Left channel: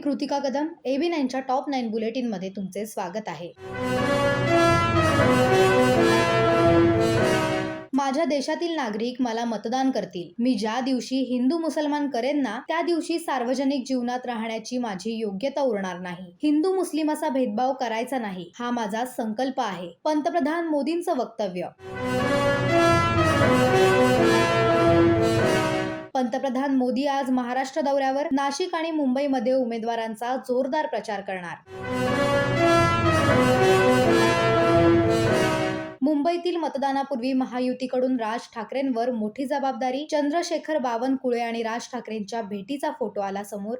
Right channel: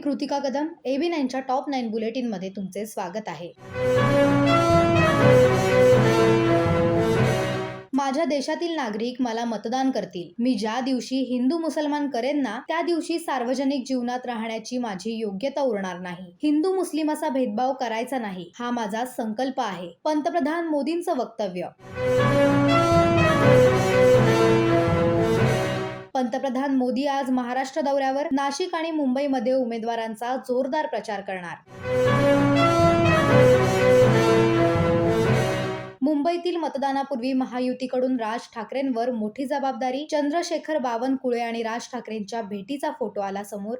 Kritika Kadam AB नाईनच्या top nine बुलेटिनमध्ये तुमचे स्वागत आहे. माझ्या देशातील नागरिक मला मतदान करतील. मी ज्या दिवशी हिंदू मुसलमान करेन ना त्या दिवशी सार्वजनिक जीवनात राहण्याची माझी योग्यता उरणार नाही. हिंदू मुस्लिम असा भेदभाव करायचा नाही हा माझा संकल्प आहे. पंतप्रधान मोदींचं वक्तव्य. पंतप्रधान मोदी आज महाराष्ट्र दौऱ्यावर नाशिक आणि मुंबईमध्ये उमेदवारांचा जोरदार प्रचार करणार. मुंबईतील मतदानापूर्वी महायुतीकडून राज ठाकरेंवर मोठी जबाबदारी चंद्रशेखर बावनकुळे आणि राज ठाकरेंच्या भेटीचा फोटो आला समोर.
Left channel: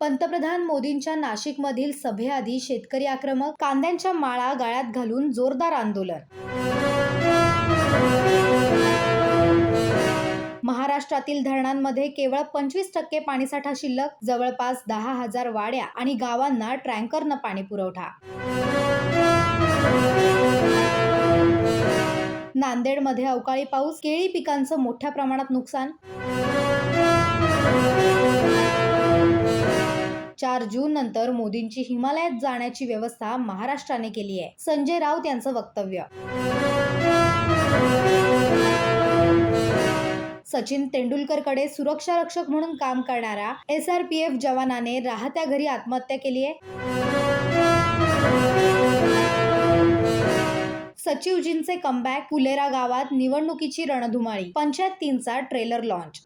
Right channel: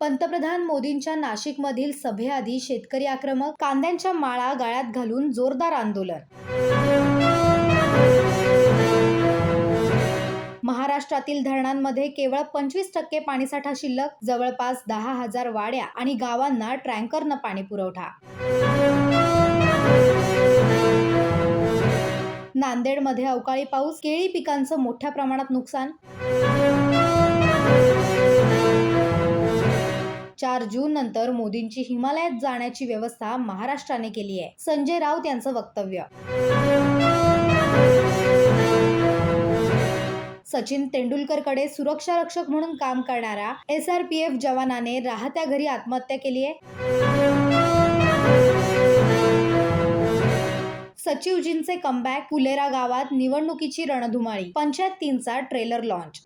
पंतप्रधान मोदींच्या नाशिकमधील सभेआधी शेतकरी आक्रमक कांद्यांच्या माळा गाळ्यात घालून जोरदार आंदोलन. महाराष्ट्रातील धरणांमध्ये केवळ पंचवीस टक्के पाणीसाठा शिल्लक जवळपास दहा हजार वाड्या आणि गावांना ट्रँकरनं पाणी पुरवठा. नांदेडमध्ये अवकाळी पाऊस केळी पिकांचं मोठ्या प्रमाणात नुकसान. चार जून नंतर मोदींची हिमालयात जाण्याची व्यवस्था महाराष्ट्राने केली आहे संजय राऊत यांचं वक्तव्य. सचिन तेंडुलकरकडे सुरक्षा रक्षक म्हणून काम करणाऱ्या एस आर पी एफ जवानाने राहत्या घरी आत्महत्या केली आहे. सचिवजींचे कमबॅक फुलेरा गावात निवडणुकीची रणधुमाळी पंचायत तीनचा ट्रेलर लॉन्च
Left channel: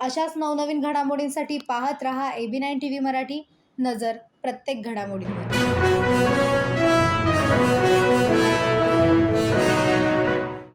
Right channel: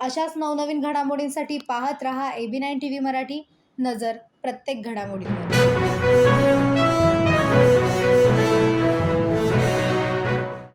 अशाच नवनवीन घडामोडींसाठी पाहत रहा एबी नाईन टी व्ही मराठी. नजर प्रत्येक घडामोडींवर.